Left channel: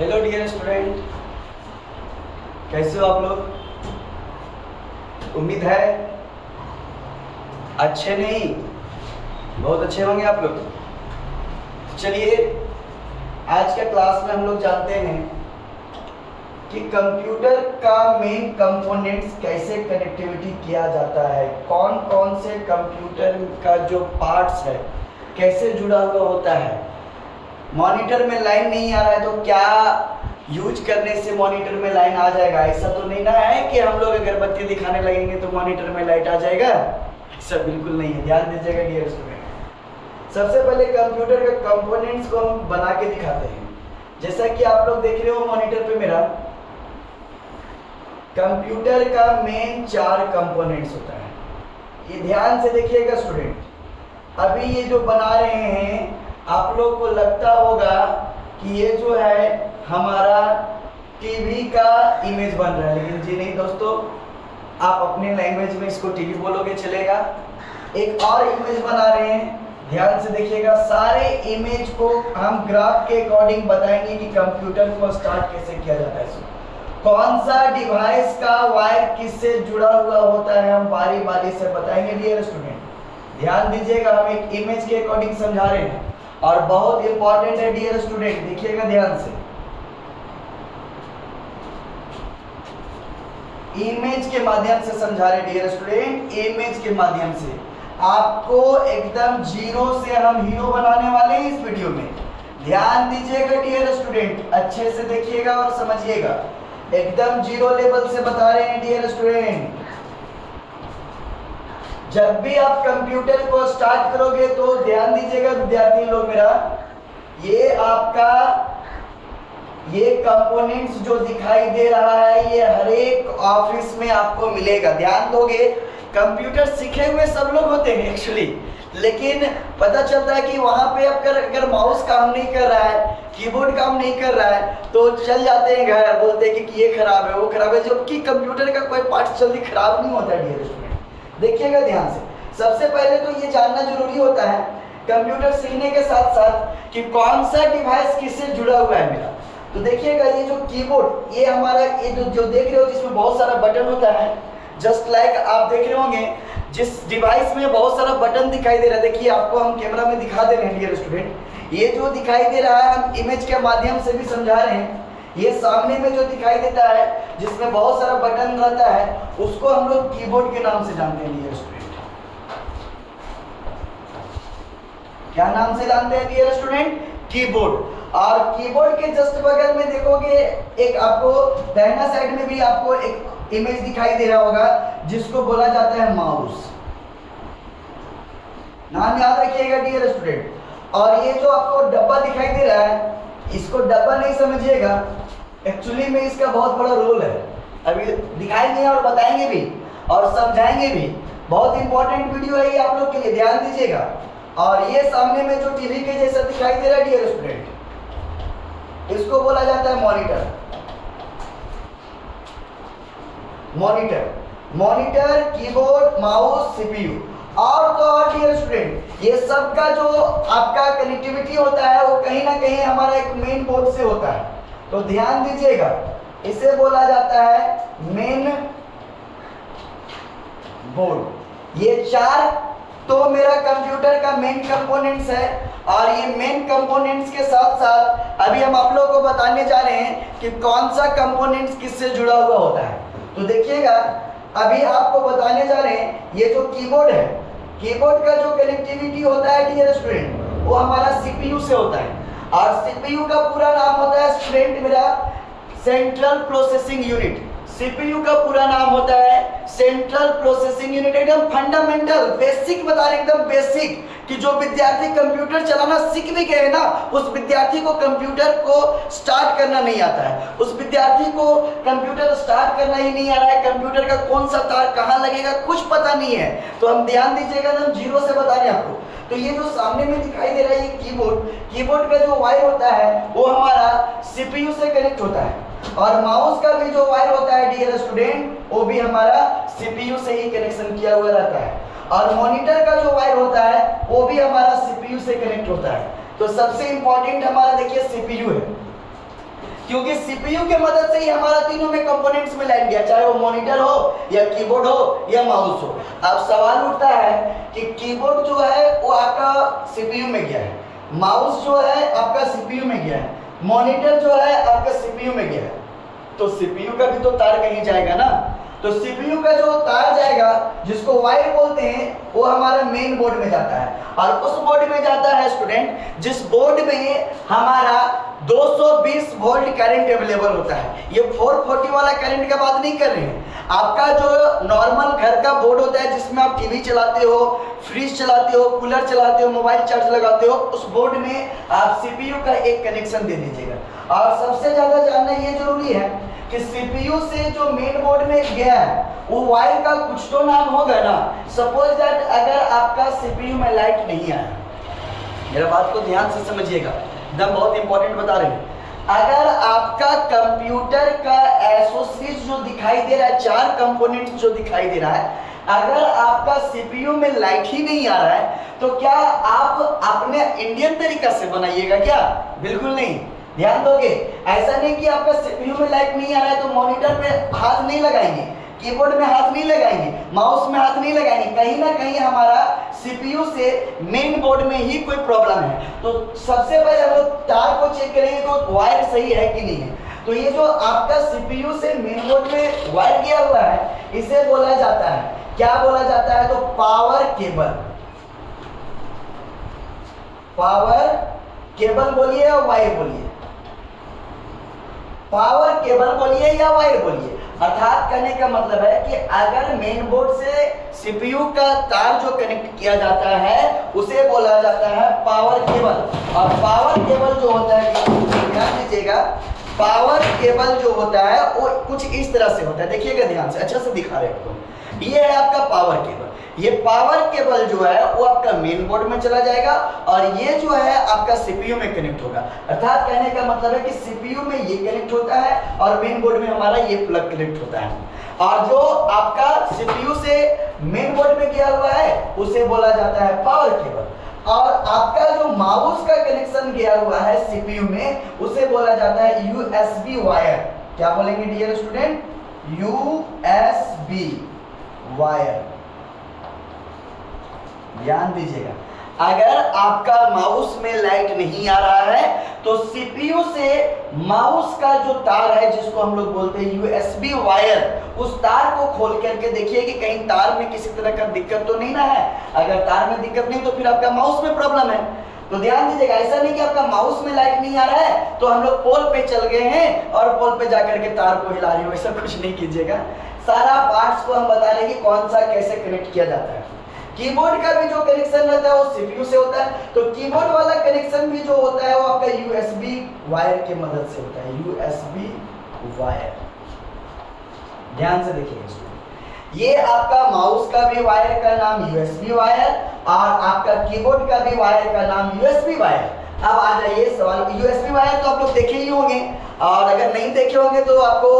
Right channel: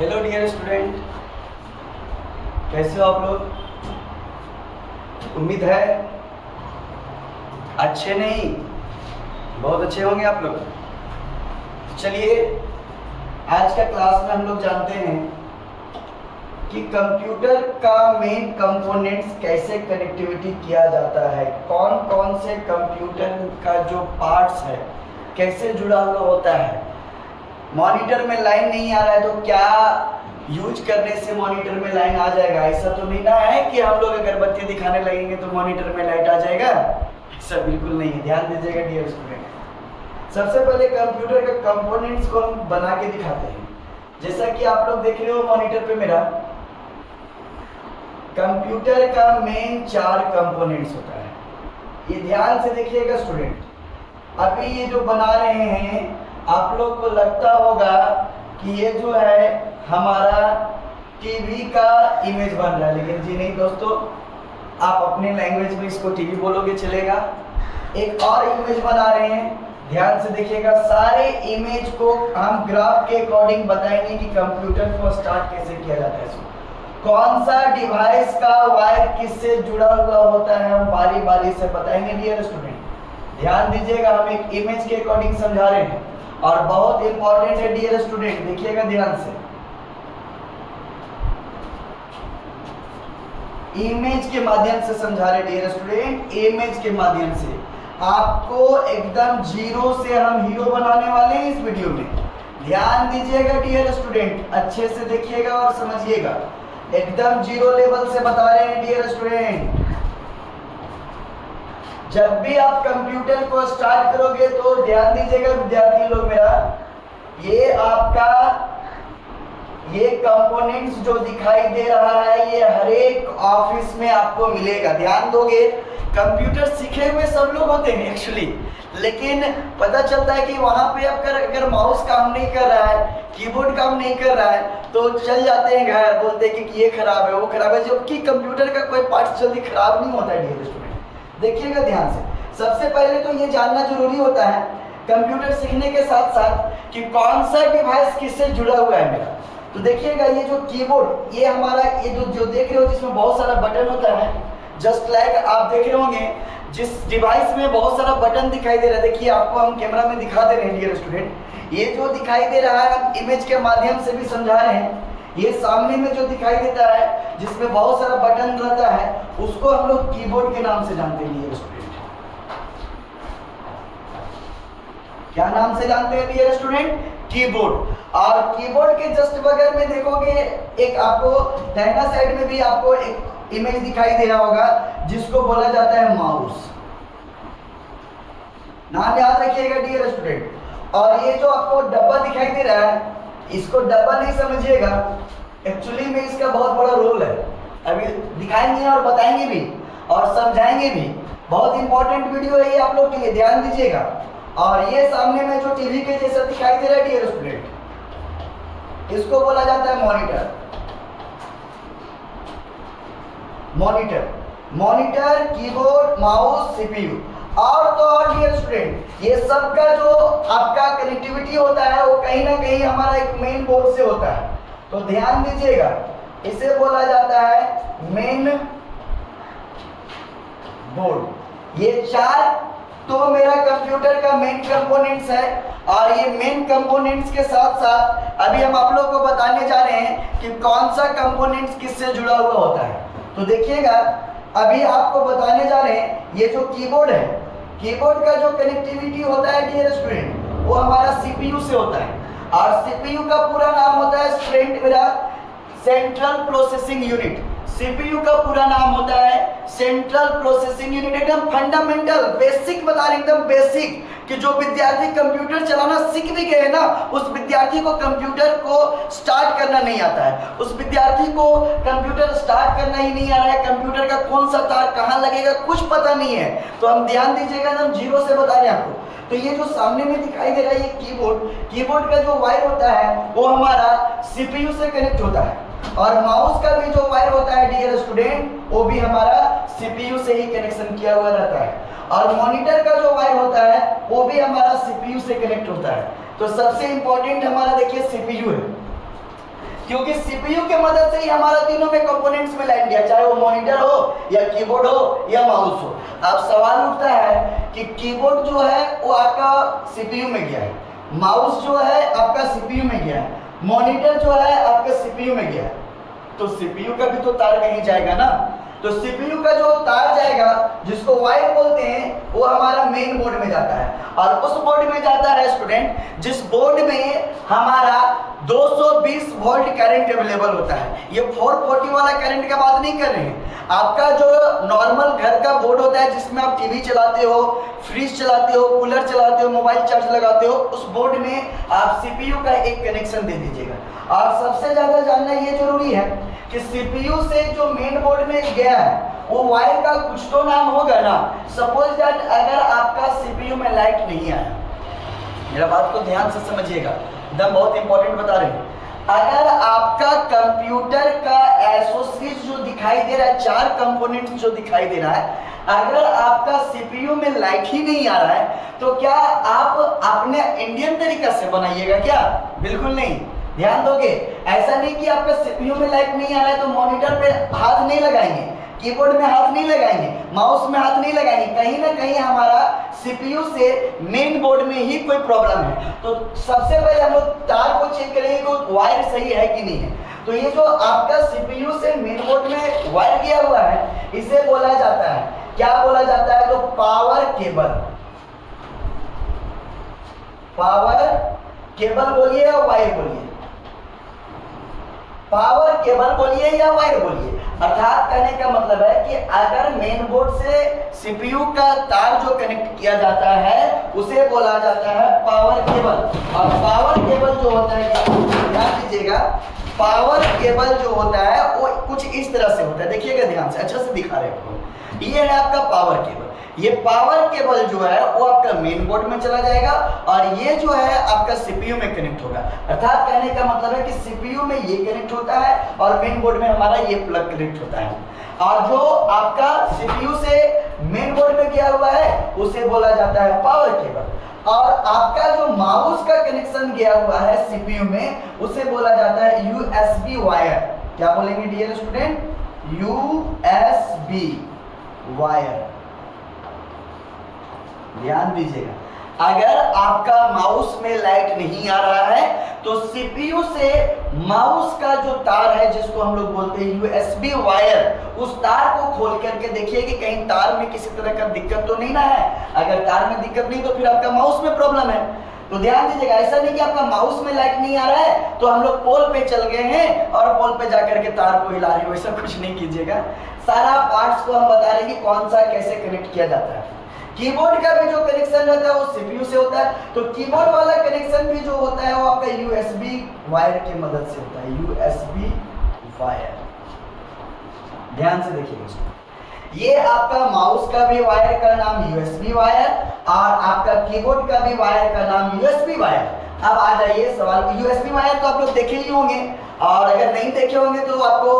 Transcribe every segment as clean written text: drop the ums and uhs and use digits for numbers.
Hello dear student, कैसे हो आप लोग? उम्मीद है अच्छे नहीं, बहुत अच्छे होंगे आप लोग। चलिए, आज का क्लास में हम लोग जानते हैं कि कंप्यूटर का मेन कंपोनेंट्स कैसे कनेक्टिविटी किया जाता है, कौन कौन से कंप्यूटर का जो पार्ट्स है कैसे जुड़ा हुआ होता है। मॉनिटर में लाइन नहीं आ रहा है तो क्या यूज करने से मॉनिटर में लाइन आ जाएगा? ऐसा तो नहीं ना है कि हम लोग अगरबत्ती दिखाने लगेंगे तो मॉनिटर में लाइट आ जाएगा। ऐसा बिल्कुल नहीं है, ध्यान दीजिएगा डियर स्टूडेंट। सबसे पहले कंप्यूटर के कंपोनेंट्स को हम बना के दिखाते हैं। जैसा कि आप लोग देख रहे हो मॉनिटर पे मेरा, कंप्यूटर का मेन 4 कंपोनेंट्स होता है। ये ध्यान से देखिएगा स्टूडेंट। अभी ये जो बना रहे हैं आप लोग को लगता होगा कि ये जो है हमारा टीवी का इमेज बन रहा है, लेकिन जी नहीं दोस्तों, आप अपनी लैंग्वेज में इसको टीवी बोलोगे चलेगा। एक और इमेज बना रहे हैं, ध्यान से देखिएगा। सारे इमेज को हम ग्राफ के अकॉर्डिंग बताएंगे कि कंप्यूटर को स्टार्ट कैसे किया जाता है, कौन सा डिवाइस का वायर किससे जुड़ा हुआ होता है, हम बारी बारी से बताएंगे डियर स्टूडेंट। ध्यान दीजिएगा, हम एक इमेज के अकॉर्डिंग समझा रहे हैं और बहुत इंपॉर्टेंट है डियर स्टूडेंट, देखिएगा ध्यान से। इमेज के माध्यम से समझा रहे डियर स्टूडेंट, इमेज के माध्यम से आपको एकदम जीरो से हम हीरो बनाने वाले हैं इस वीडियो में। ध्यान दीजिएगा डियर स्टूडेंट, अच्छे से देखिएगा और समझिएगा। एकदम जीरो लेवल से बता रहे हैं डियर स्टूडेंट। जब भी आप कंप्यूटर को स्टार्ट करोगे तो ध्यान दीजिएगा विद्यार्थी लोग मेरा, ये आपका ये कंपोनेंट्स जो दिखाई दे रहा है ये हर एक ऑफिस में आपको मिलेगा। ध्यान दोगे, कंप्यूटर सीखे हुए सब लोग होते हैं एक्चुअली, लेकिन पता चलता है कि वहां पे अगर माउस काम नहीं कर रहा है, कीबोर्ड काम नहीं कर रहा है तो चल जाते हैं घर, बोलते हैं कि ये खराब है वो खराब है, जबकि कंप्यूटर का कोई पार्ट जल्दी खराब नहीं होता है डियर स्टूडेंट। देखिएगा ध्यान से। सबसे पहले तो ये जानना जरूरी होता है कंप्यूटर सीखने के साथ साथ कि कौन सा डिवाइस किससे जुड़ा हुआ है मेरा। तो देखिएगा, ये जो कीबोर्ड, ये हमारा ये जो देख रहे हो जिसमें बहुत सारा बटन होता है, जस्ट लाइक आप देख रहे होंगे जिस डिवाइस में बहुत सारा बटन दिखाई दे रहा है। देखिए, आपको हम कैमरा में दिखा दे रहे हैं डियर स्टूडेंट। ये जो दिखाई दे रहा है हम इमेज के माध्यम से भी समझा रहे हैं। ये सामने में जो दिखाई देता है जिसमें बहुत सारा बटन रहता है उसको हम लोग कीबोर्ड के नाम से जानते हैं डियर स्टूडेंट। क्या नाम से जानते हैं डियर स्टूडेंट? कीबोर्ड। और कीबोर्ड के जस्ट बगल में देखोगे एक आपको दाहिना साइड में भी आपको एक इमेज दिखाई दे रहा होगा जिसको बोला जाता है माउस। नाम याद रखिएगा डियर स्टूडेंट। और ये जो आपको डब्बा दिखाई दे रहा है, इसको डब्बा नहीं समझिएगा, एक्चुअली में इसका बहुत बड़ा रोल है। अभी दिखाएंगे और बताएंगे भी और समझाएंगे भी। बहुत इंपॉर्टेंट वीडियो है ये आप लोग के लिए, ध्यान दीजिएगा। और ये सामने में जो टीवी के जैसा दिखाई दे रहा है डियर स्टूडेंट, इसको बोला जाता है monitor. Monitor, keyboard, mouse, CPU और तो और डियर स्टूडेंट, ये सब का जो आपका कनेक्टिविटी होता है वो कहीं ना कहीं हमारा एक मेन बोर्ड से होता है। तो ध्यान दीजिएगा, इसे बोला जाता है मेन बोर्ड। ये 4 तो मेरा कंप्यूटर का मेन कंपोनेंट्स है। और ये मेन कंपोनेंट्स के साथ साथ अभी हम आप लोगों को बताने जा रहे हैं कि कौन सा कंपोनेंट्स किससे जुड़ा हुआ होता है। तो देखिएगा, अभी आपको बताने जा रहे हैं ये जो कीबोर्ड है, कीबोर्ड का जो कनेक्टिविटी होता है डियर स्टूडेंट वो हमारा सीपीयू से होता है। और सीपीयू का पूरा नाम होता है स्टूडेंट मेरा सेंट्रल प्रोसेसिंग यूनिट। सीपीयू का पूरा नाम होता है सेंट्रल प्रोसेसिंग यूनिट। एकदम फंडामेंटल बेसिक बता रहे, एकदम बेसिक, कि जो विद्यार्थी कंप्यूटर चलाना सीख भी गए ना, उस विद्यार्थी को कंप्यूटर को स्टार्ट करना नहीं आता है। उस विद्यार्थी को कंप्यूटर स्टार्ट करना ही नहीं आ रहा है, कंप्यूटर का कौन सा तार कहाँ लगेगा कुछ पता नहीं है। तो हम ध्यान दीजिएगा, हम जीरो से बता रहे हैं आपको। तो ये जो सामने में दिखाई दे रहा है ये कीबोर्ड का जो वायर होता है वो हमारा सीपीयू से कनेक्ट होता है। और माउस का भी जो वायर होता है डियर स्टूडेंट वो भी हमारा सीपीयू से ही कनेक्शन किया हुआ रहता है। और मॉनिटर का जो वायर होता है वो भी हमारा सीपीयू से कनेक्ट होता है। तो सबसे इंपॉर्टेंट हमारा देखिए सीपीयू है। क्योंकि सीपीयू के मदद से ही हमारा तीनों में कंपोनेंट्स में लाइन गया, चाहे वो मॉनिटर हो या कीबोर्ड हो या माउस हो। अब सवाल उठता है कि कीबोर्ड जो है वो आपका सीपीयू में गया है, माउस जो है आपका सीपीयू में गया है, मॉनिटर जो है आपका सीपीयू में गया है, तो सीपीयू का भी तो तार कहीं जाएगा ना। तो सीपीयू का जो तार जाएगा जिसको वायर बोलते हैं वो हमारा मेन बोर्ड में जाता है, और उस बोर्ड में जाता है स्टूडेंट जिस बोर्ड में हमारा 220 वोल्ट करंट अवेलेबल होता है। ये 440 वाला करंट का बात नहीं कर रहे हैं, आपका जो नॉर्मल घर का बोर्ड होता है जिसमें आप टीवी चलाते हो, फ्रिज चलाते हो, कूलर चलाते हो, मोबाइल चार्ज लगाते हो, उस बोर्ड में आप सीपीयू का एक कनेक्शन दे दीजिएगा। और सबसे ज्यादा जानना ये जरूरी है कि सीपीयू से जो मेन बोर्ड में गया है वो वायर का कुछ तो नाम होगा ना। सपोज दैट अगर आपका सीपीयू में लाइट नहीं आया, मेरा बात को ध्यान से समझिएगा, एकदम बहुत इंपॉर्टेंट बता रहे हैं। अगर आपका कंप्यूटर का एसोसिएट जो दिखाई दे रहा है, 4 कंपोनेंट्स जो दिखाई दे रहा है, अगर आपका सीपीयू में लाइट ही नहीं आ रहा है तो क्या आप अपने इंडियन तरीका से बनाइएगा क्या? बिल्कुल नहीं। ध्यान दोगे, ऐसा नहीं कि आपका सीपीयू में लाइट नहीं आ रहा है तो मॉनिटर पे हाथ नहीं लगाएंगे, कीबोर्ड में हाथ नहीं लगाएंगे, माउस में हाथ नहीं लगाएंगे, कहीं ना कहीं हमारा सीपीयू से मेन बोर्ड में ही कोई प्रॉब्लम है। तो सबसे पहले हम लोग तार को चेक करेंगे तो वायर सही है कि नहीं है। तो ये जो आपका सीपीयू से मेन बोर्ड में वायर गया हुआ है इसे बोला जाता है, क्या बोला जाता है? तो पावर केबल। पावर केबल बोलिए या वायर बोलिए, पावर केबल बोलिए या वायर बोलिए। अर्थात कहने का मतलब है कि अगर मेन बोर्ड से सीपीयू का तार जो कनेक्ट किया जाता है उसे बोला जाता है पावर केबल। और पावर केबल जो होता है, ध्यान दीजिएगा, पावर केबल जो होता है वो कुछ इस तरह से होता है, देखिएगा ध्यान से, अच्छा से दिखा रहे हैं। ये है आपका पावर केबल। ये पावर केबल जो है वो आपका मेन बोर्ड में चला जाएगा और ये जो है आपका सीपीयू में कनेक्ट होगा। अर्थात कहने का मतलब है कि सीपीयू में ये कनेक्ट होता है और मेन बोर्ड में हमारा ये प्लग कनेक्ट होता है। और जो आपका सीपीयू से मेन बोर्ड में गया हुआ है उसे बोला जाता है पावर केबल। और आपका जो माउस का कनेक्शन गया हुआ है सीपीयू में उसे बोला जाता है यूएसबी वायर। क्या बोलेंगे डियर स्टूडेंट? USB wire. ध्यान दीजिएगा, अगर आपका माउस में लाइट नहीं आ रहा है तो सीपीयू से माउस का जो तार है जिसको हम लोग बोलते हैं यूएसबी वायर, उस तार को खोल करके देखिए कि कहीं तार में किसी तरह का दिक्कत तो नहीं ना है। अगर तार में दिक्कत नहीं तो फिर आपका माउस में प्रॉब्लम है। तो ध्यान दीजिएगा, ऐसा नहीं कि आपका माउस में लाइट नहीं आ रहा है तो हम लोग पोल पे चल गए हैं और पोल पे जाकर के तार को हिला रहे हो, ऐसा कुछ नहीं कीजिएगा। सारा पार्ट्स को हम बता रहे हैं कि कौन सा कैसे कनेक्ट किया जाता है। कीबोर्ड का भी जो कनेक्शन रहता है वो सीपीयू से होता है, तो कीबोर्ड वाला कनेक्शन भी जो होता है वो आपका यूएसबी वायर की मदद से होता है, यूएसबी वायर। ध्यान से देखिएगा, ये आपका माउस का भी वायर का नाम यूएसबी वायर और आपका कीबोर्ड का भी वायर का नाम यूएसबी वायर। अब आ जाइए सवाल, यूएसबी वायर तो आप लोग देखे ही होंगे और अगर नहीं देखे होंगे तो आपको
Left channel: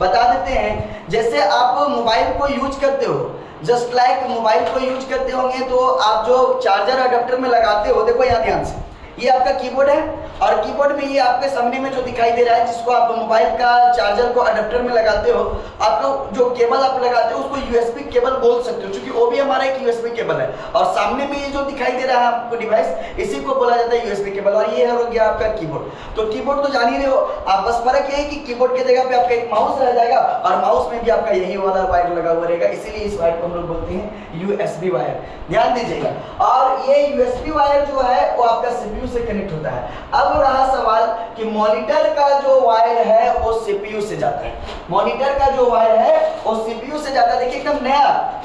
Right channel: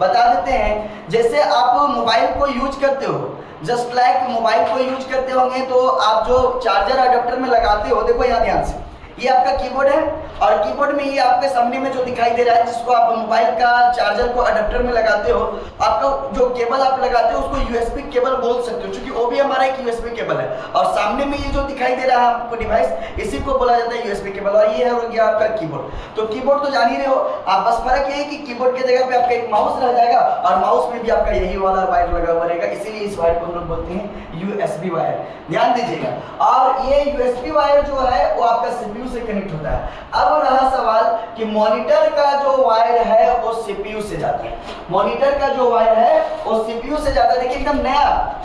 बता देते हैं। जैसे आप मोबाइल को यूज करते हो, जस्ट लाइक मोबाइल को यूज करते होंगे तो आप जो चार्जर अडेप्टर में लगाते हो, देखो यहाँ ध्यान से, ये आपका कीबोर्ड है और कीबोर्ड में ये आपके सामने में जो दिखाई दे रहा है जिसको आप मोबाइल का चार्जर को अडेप्टर में लगाते हो, आपका जो केबल आप लगाते हो उसको यूएसबी केबल बोल सकते हो, क्योंकि वो भी हमारा एक यूएसबी केबल है। और सामने में ये जो दिखाई दे रहा है आपको डिवाइस, इसी को बोला जाता है यूएसबी केबल। और ये है हो गया आपका कीबोर्ड। तो कीबोर्ड तो जान ही रहे हो आप, बस फर्क यही कि कीबोर्ड की जगह पे आपका एक माउस रह जाएगा और माउस में भी आपका यही वाला वायर लगा हुआ रहेगा, इसीलिए इस वायर को हम लोग बोलते हैं यूएसबी वायर। ध्यान दीजिएगा, और ये यूएसबी वायर जो है वो आपका सीपीयू से कनेक्ट होता है। अब रहा सवाल कि मॉनिटर का जो वायर है वो सीपीयू से जाता है। मॉनिटर का जो वायर है वो सीपीयू से जाता है। देखिए एकदम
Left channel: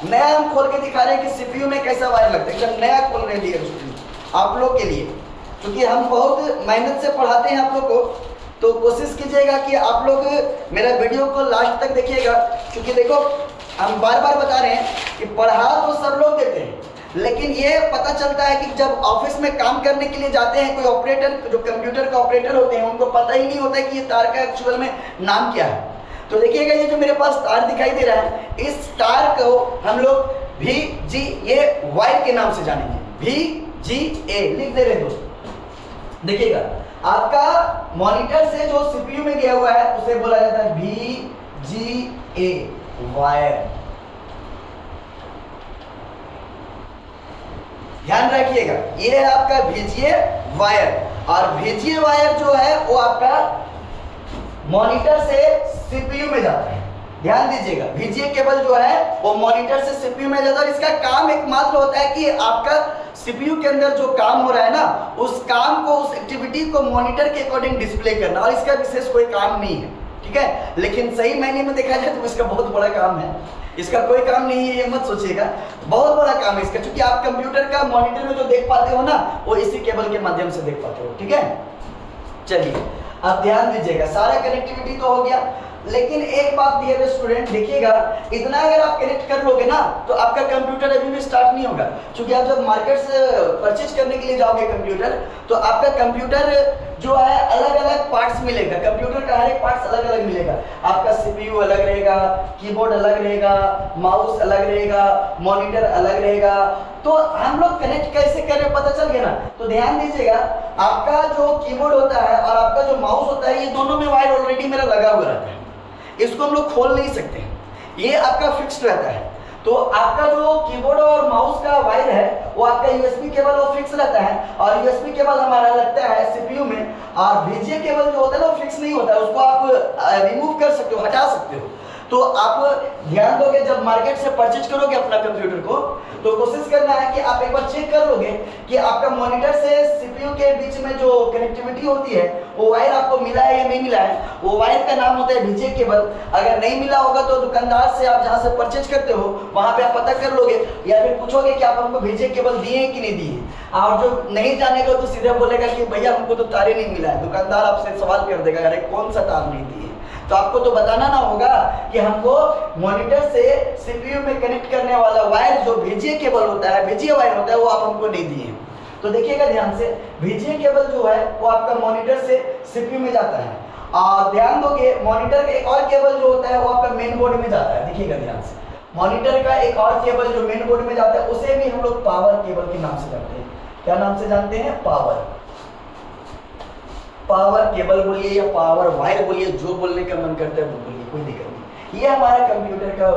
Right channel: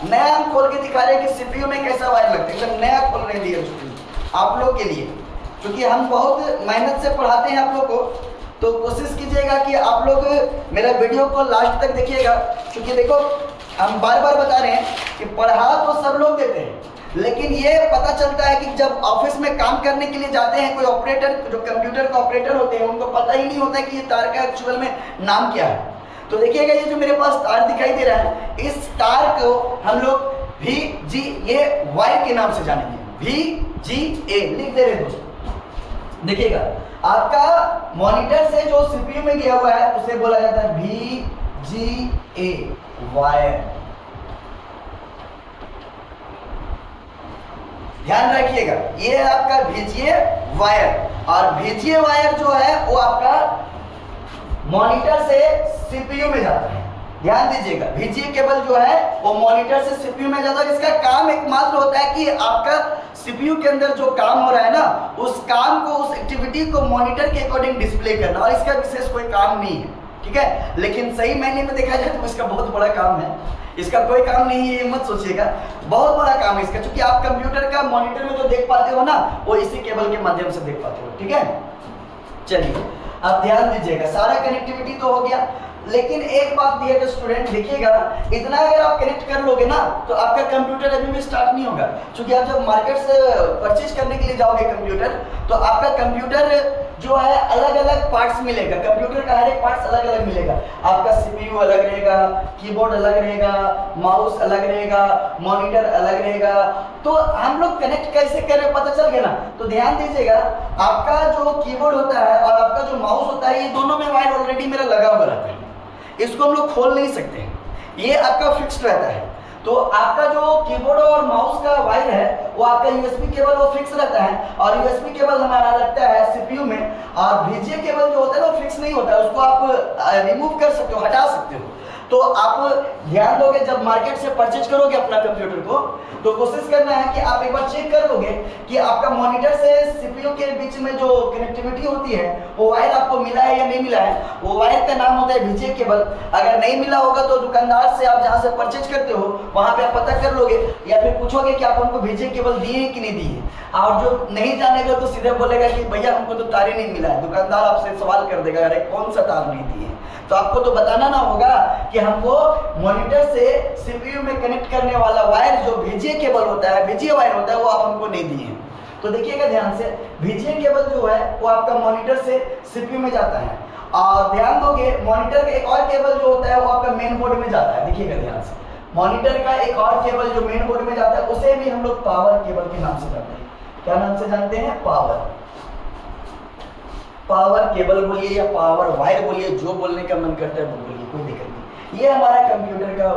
नया हम खोल के दिखा रहे हैं कि सीपीयू में कैसा वायर लगता है, एकदम नया खोल रहे हैं आप लोग के लिए, क्योंकि हम बहुत मेहनत से पढ़ाते हैं आप लोग को। तो कोशिश कीजिएगा कि आप लोग मेरा वीडियो को लास्ट तक देखिएगा, क्योंकि देखो हम बार बार बता रहे हैं कि पढ़ा तो सब लोग देते हैं, लेकिन ये पता चलता है कि जब ऑफिस में काम करने के लिए जाते हैं कोई ऑपरेटर, जो कंप्यूटर का ऑपरेटर होते हैं, उनको पता ही नहीं होता है कि ये तार का एक्चुअल में नाम क्या है। तो देखिएगा ये जो मेरे पास तार दिखाई दे रहा है, इस तार को हम लोग VGA वायर के नाम से जानेंगे। VGA लिख दे रहे दोस्तों, देखिएगा आपका मॉनिटर से जो सीपीयू में गया हुआ है उसे बोला जाता है VGA वायर। ध्यान रखिएगा, ये है आपका VGA वायर। और VGA वायर जो है वो आपका मॉनिटर से सीपीयू में जाता है। ध्यान दीजिएगा, VGA केबल जो है वो मॉनिटर से सीपीयू में जाता है। इसका काम एकमात्र होता है कि आपका सीपीयू के अंदर जो काम हो रहा है ना, उस काम को, उस एक्टिविटी को मॉनिटर के अकॉर्डिंग डिस्प्ले करना, और इसका विशेष कोई काम नहीं है, ठीक है। लेकिन सही मायने में देखा जाए तो इसका बहुत बड़ा काम है। इसका कोई काम नहीं है ये मत सोचिएगा, बहुत बड़ा काम है इसका, क्योंकि आप कंप्यूटर का मॉनिटर में जो देख पाते हो ना, वो इसी केबल के माध्यम से देख पाते हो, ठीक है। चलिए अब ध्यान दीजिएगा, सारा कनेक्टिविटी तो हो गया, लेकिन एक बात डियर स्टूडेंट देखिएगा, इतना अगर आप कनेक्ट कर लोगे ना तो आपका कंप्यूटर अभी भी स्टार्ट नहीं होगा। क्योंकि आप जब मार्केट से परचेज करने के लिए जाओगे कंप्यूटर, तो आपका कंप्यूटर जो है अलग अलग पार्ट्स मिलेगा, कंप्यूटर का हर एक पार्ट्स अलग अलग मिलेगा। आपका सीपीयू अलग रहेगा, कीबोर्ड अलग रहेगा, माउस अलग रहेगा, मॉनिटर अलग रहेगा। तो हम लोग कनेक्ट कैसे करें पता चल गया ना। तो ध्यान दीजिएगा, आपका जो कीबोर्ड होता है और आपका जो माउस होता है, ये दोनों में वायर ऑलरेडी मेरा लगा हुआ रहता है, इसको हम लोग खोल नहीं सकते, ये आपका फिक्स्ड रहता है। तो आपका जो कीबोर्ड और माउस का वायर है वो आपका यूएसबी केबल वो फिक्स रहता है, और यूएसबी केबल हमारा लगता है सीपीयू में। और VGA केबल जो होता है वो फिक्स नहीं होता है, उसको आप रिमूव कर सकते हो, हटा सकते हो। तो आप ध्यान दोगे, जब मार्केट से परचेज करोगे अपना कंप्यूटर को, तो कोशिश करना है कि आप एक बार चेक कर लोगे कि आपका मॉनिटर से सीपीयू के बीच में जो कनेक्टिविटी होती है वो वायर आपको मिला है या नहीं मिला है। वो वायर का नाम होता है VGA केबल। अगर नहीं मिला होगा तो दुकानदार से आप जहाँ से परचेज करते हो वहां पे आप पता कर लोगे, या फिर पूछोगे कि आप हमको VGA केबल दिए कि नहीं दिए। और जो नहीं जानेगा तो सीधे बोलेगा कि भैया हमको तो तारे नहीं मिला है। दुकानदार आपसे सवाल कर देगा, अरे कौन सा तार नहीं दिए। तो आपको तो बताना ना होगा कि हमको मॉनिटर से सीपीयू में कनेक्ट करने वाला वायर जो VGA केबल होता है, VGA वायर होता है, वो आप हमको नहीं दिए। तो देखिएगा ध्यान से, VGA केबल जो है वो आपका मॉनिटर से सीपीयू में जाता है। और ध्यान दोगे, मॉनिटर का एक और केबल जो होता है वो आपका मेन बोर्ड में जाता है। देखिएगा ध्यान से, मॉनिटर का एक और केबल जो मेन बोर्ड में जाता है उसे भी हम लोग पावर केबल के नाम से जानते हैं। क्या नाम से जानते हैं? पावर केबल बोलिए या पावर वायर बोलिए, जो बोलने का मन करता है वो बोलिए, कोई दिक्कत नहीं। ये हमारा कंप्यूटर का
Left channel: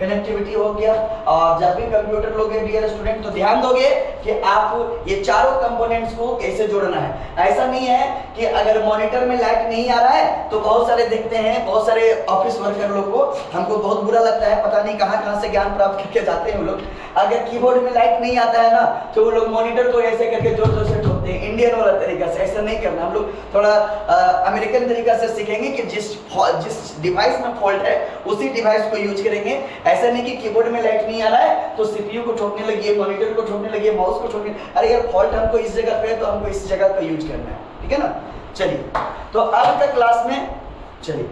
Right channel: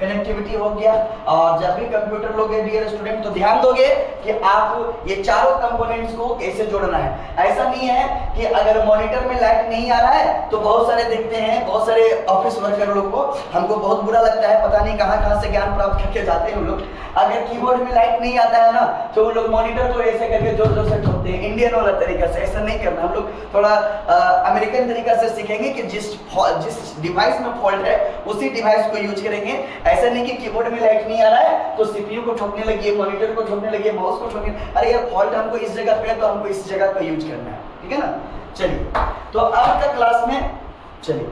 कनेक्टिविटी हो गया। और जब भी कंप्यूटर लोगे डियर स्टूडेंट, तो ध्यान दोगे कि आप ये चारों कंपोनेंट्स को कैसे जोड़ना है। ऐसा नहीं है कि अगर मॉनिटर में लाइट नहीं आ रहा है तो बहुत सारे देखते हैं, बहुत सारे ऑफिस वर्कर लोग को, हमको बहुत बुरा लगता है, पता नहीं कहाँ से ज्ञान प्राप्त करके जाते हैं वो लोग। अगर कीबोर्ड में लाइट नहीं आता है ना तो वो लोग मॉनिटर को ऐसे करके जोर जोर से ठोकते हैं, इंडियन वाला तरीका से। ऐसा नहीं करना, हम लोग थोड़ा अमेरिकन तरीका से सीखेंगे कि जिस डिवाइस में फॉल्ट है उसी डिवाइस को यूज करेंगे। ऐसा नहीं कि कीबोर्ड में लाइट नहीं आ रहा है तो सीपीयू को ठोकने लगिए, मॉनिटर को ठोकने लगिए, माउस को ठोकने, अरे यार फॉल्ट हमको इस जगह पे है तो हमको इस जगह का यूज करना है, ठीक है ना। चलिए, तो आज का क्लास में चलिए